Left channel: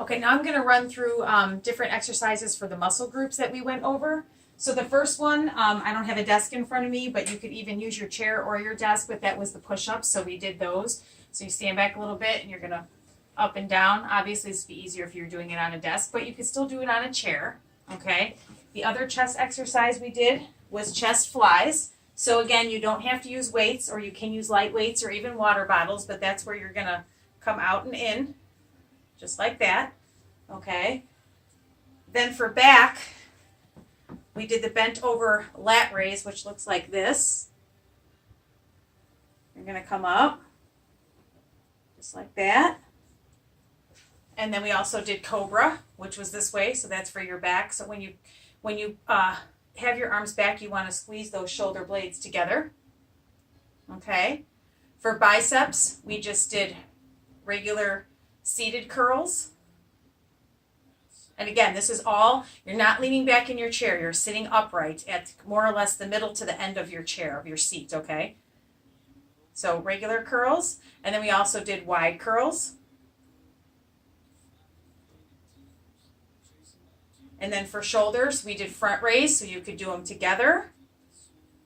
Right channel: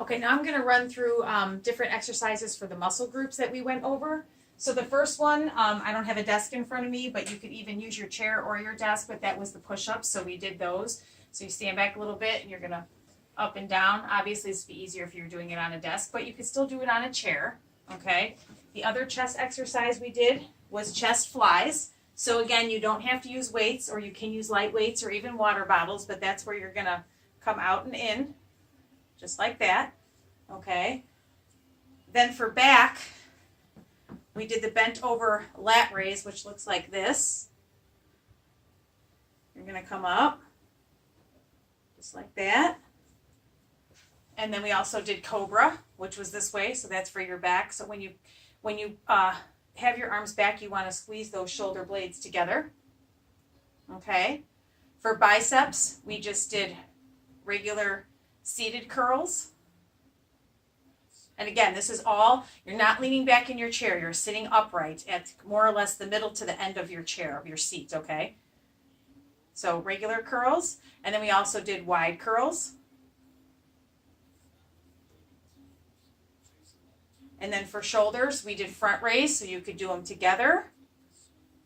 Okay, now I'm going to run through different exercises for the muscle groups that we went over. So the first one, I don't have a desk in front of me, but you could even use your chair or your desk, but that was the push-ups, so we did those. So you stand back a little bit and you're going to up and down. Obviously, this would be easier if you're doing it on a desk, but you could still do it on a chair, okay? The other chest exercise we did was chest flies. So again, you don't have to use weights, or you can use light weights or even water bottles, but that's where you're going to come out and in, just like that, okay? Then for back, we did the bent over lat raise, which looks like this. You're going to come up, just like that. And then we also did cobra, which was this way, so that's for your back. So when you have your arms back, you want to squeeze those shoulder blades together. Okay. For biceps, we just did regular seated curls. And again, this is all, you're not leaning back in your chair. You're sitting upright at more or less the middle to the end of your chair, of your seat, okay? So regular curls. And then we also did wide curls. And then for shoulders, we did front raise, so you could do them together,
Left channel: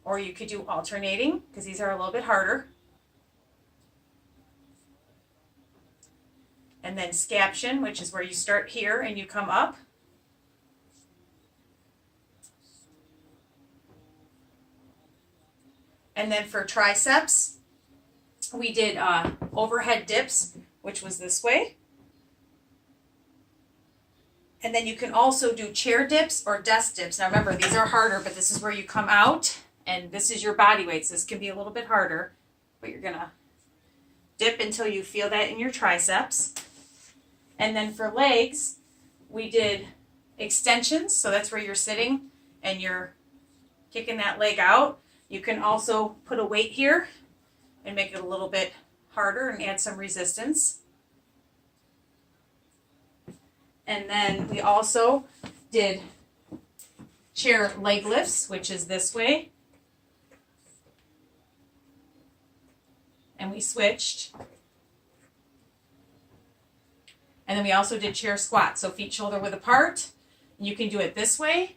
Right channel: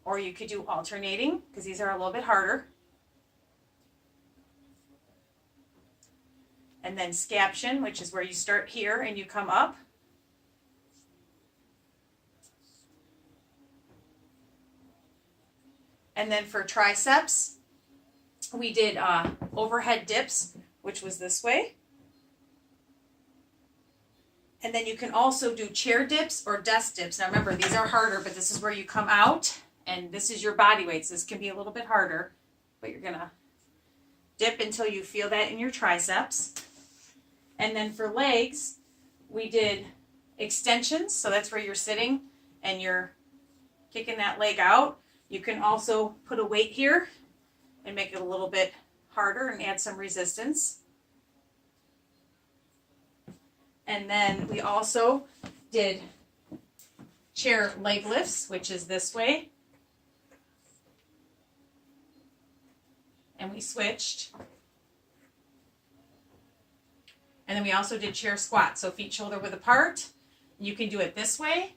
or you could do alternating, because these are a little bit harder. And then scaption, which is where you start here and you come up. And then for triceps, we did overhead dips, which was this way. And then you can also do chair dips or desk dips. Now remember, these are harder, but this is where you come out, and this is your body weight. So this can be a little bit harder, but you're going to dip until you feel that in your triceps. And then for legs, we did extensions. So that's where you're sitting and you're kicking that leg out. You can also put a weight here and make it a little bit harder and add some resistance. And then we also did chair leg lifts, which is this way. And we switched. And then we also did chair squats, so feet shoulder width apart. You can do it this way,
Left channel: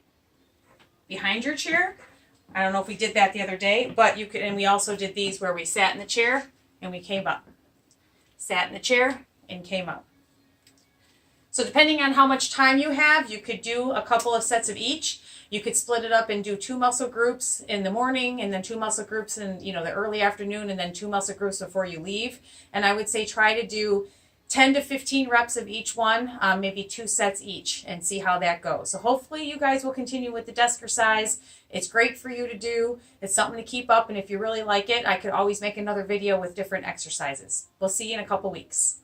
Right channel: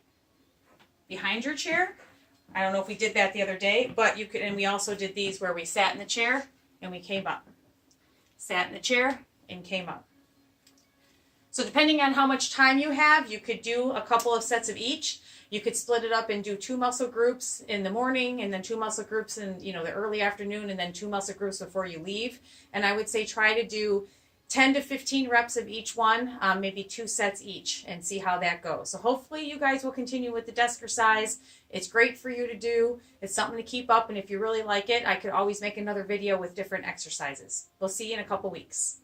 behind your chair. I don't know if we did that the other day, but you could, and we also did these where we sat in the chair and we came up. Sat in the chair and came up. So depending on how much time you have, you could do a couple of sets of each. You could split it up and do 2 muscle groups in the morning, and then 2 muscle groups in the early afternoon, and then 2 muscle groups before you leave. And I would say try to do 10 to 15 reps of each one, maybe 2 sets each, and see how that goes. So hopefully you guys will continue with the Deskercise. It's great for you to do. It's something to keep up, and if you really like it, I could always make another video with different exercises. We'll see you in a couple weeks.